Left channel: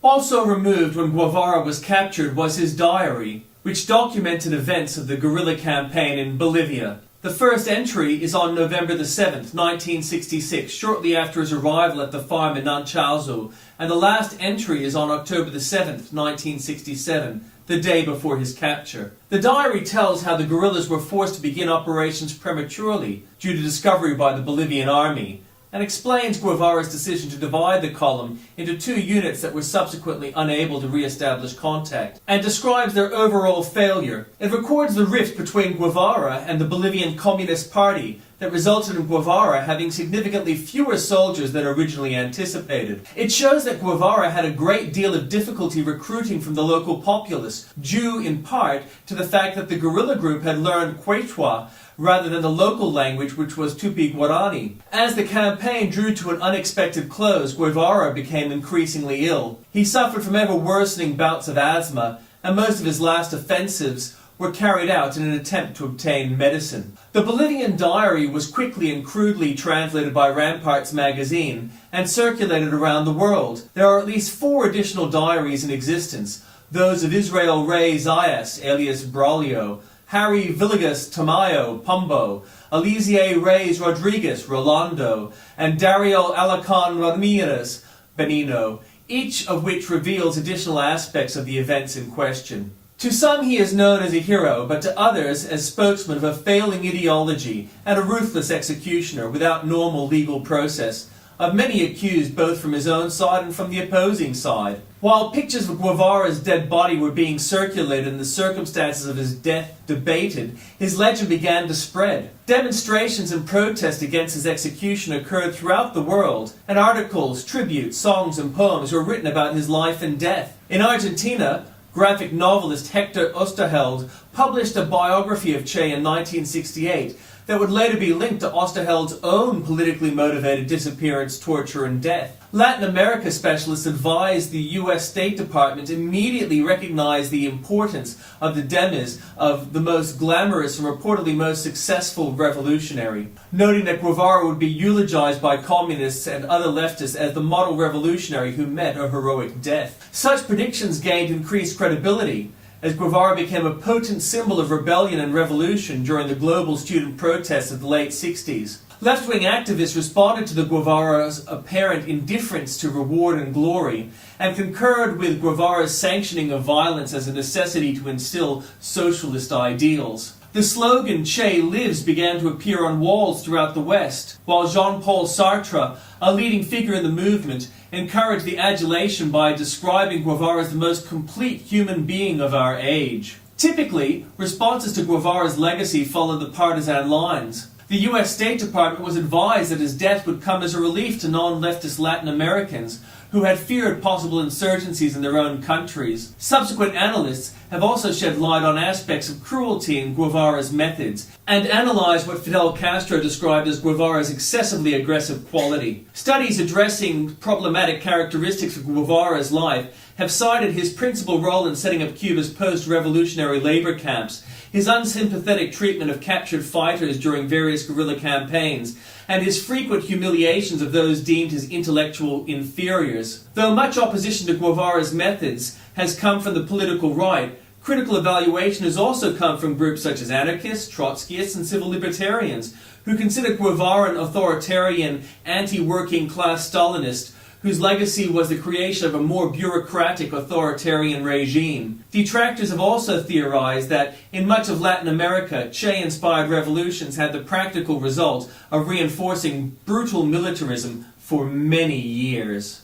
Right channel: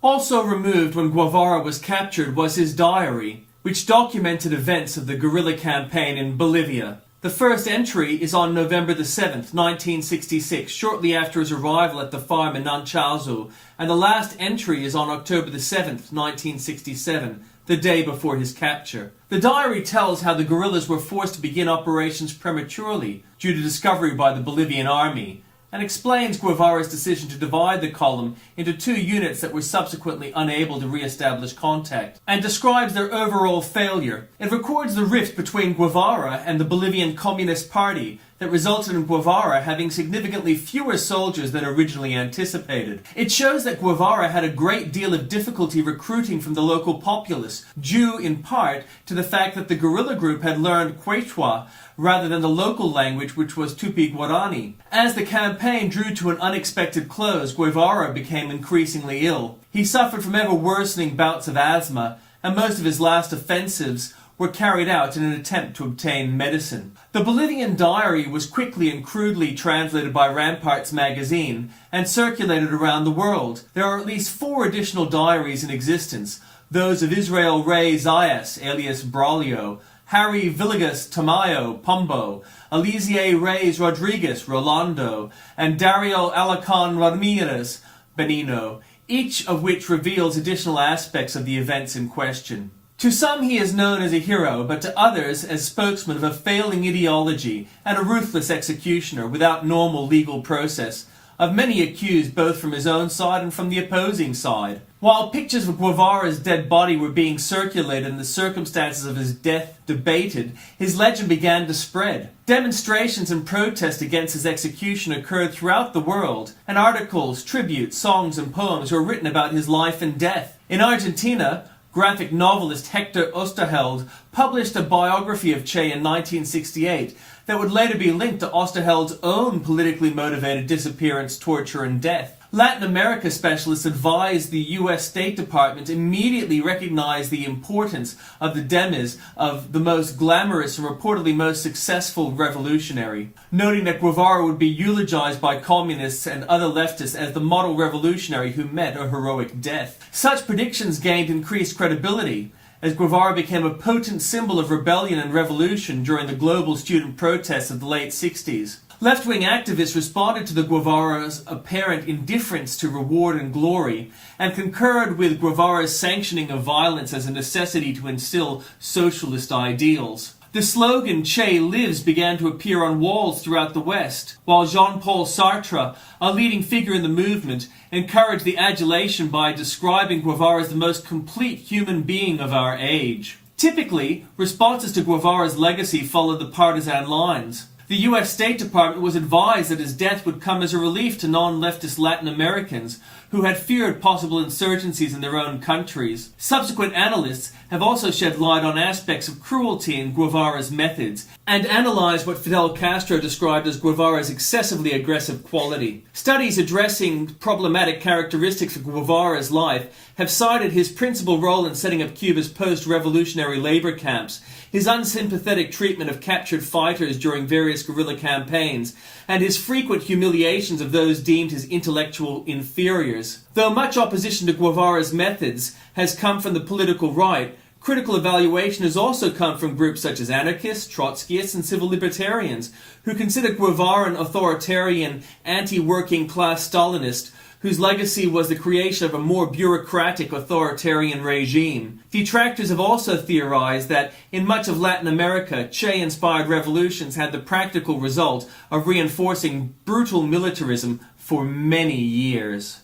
Also removed when Guevara was captured was his diary, which documented events of the guerrilla campaign in Bolivia. The first entry is on November the 7th, 1966, shortly after his arrival at the farm in Nanchalzu, and the last entry is on October the 7th, 1967, the day before his capture. The diary tells how the guerrillas were forced to begin operations prematurely due to discovery by the Bolivian army, and explains Guevara's decision to divide the column into two units that were subsequently unable to re-establish contact, and describes their overall failure. It records the rift between Guevara and the Bolivian Communist Party that resulted in Guevara having significantly fewer soldiers than originally anticipated. It shows that Guevara had a great deal of difficulty recruiting from the local populace, due in part to the fact that the guerrilla group had learned Quechua rather than the local language, which was Tupi-Guarani. As the campaign drew to an unexpected close, Guevara became increasingly ill. He suffered from ever-worsening bouts of asthma, and most of his last offensives were carried out in an attempt to obtain medicine. The Bolivian diary was quickly and crudely translated by Ramparts magazine and circulated around the world. There are at least 4 additional diaries in existence, those of Israel Rey Zayas, alias Braulio, Harry Villegas Tamayo, Pombo, Alizier Reyes Rodriguez, Rolando, and Dario Alacon Ramirez, Benino, each of which reveals additional aspects of the events in question. To some he is known as a hero, but to others as spokesman of a failing ideology and a ruthless executioner without normal legal process, of many accused both from his own side and from the opposing side. While pictures of Guevara's dead body were being circulated and the circumstances of his death debated, his legend began to spread. Demonstrations and protests against his execution occurred throughout the world, and articles, tributes, songs, and poems were written about his life and death. In Argentina, graphic novelist Hector Osterheld published a biography of Che in 1968 that would later be linked to Osterheld's own politically motivated disappearance, torture, and death. Latin America specialists advised the U.S. State Department immediately recognize the importance of the demise of the most glamorous and reportedly most successful revolutionary, noting that Guevara would be eulogized by communists and other leftists as the model revolutionary who met a heroic death. Such predictions gained increased credibility, as Guevara became a potent symbol of rebellion and revolution during the global student protests of the late 60s. Left-wing activists responded to the Guevara's apparent indifference to reward and glory, and concurred with Guevara's sanctioning of violence as a necessity to instill socialist ideals. The slogan "Che lives" began to appear on walls throughout the West, while Jean-Paul Sartre, a leading figure in the movement, encouraged the adulation by describing Guevara as the most complete human being of our age. Typically, responses to Guevara's legacy followed the partisan lines. The U.S. State Department was advised that his death would come as a relief to non-leftist Latin Americans who had feared possible insurgencies in their own countries. Subsequent analysts have also shed light on aspects of cruelty in Guevara's methods and analyzed what Fidel Castro described as Guevara's excessively aggressive quality. Studies addressing problematic characteristics of Guevara's life have cited his principal role in setting up Cuba's post-revolutionary labor camps, his unsympathetic treatment of captured fighters during various guerrilla campaigns, and his frequent humiliations of those deemed his intellectual inferiors. Though much opposition to Guevara's methods has come from the political right, critical evaluation has also come from groups such as anarchists, Trotskyists, and civil libertarians, who consider Guevara an authoritarian, anti-working class Stalinist whose legacy was the creation of a more bureaucratic authoritarian regime. Detractors have also theorized that in much of Latin America, Che-inspired revolutions had the practical result of reinforcing brutal militarism for many years.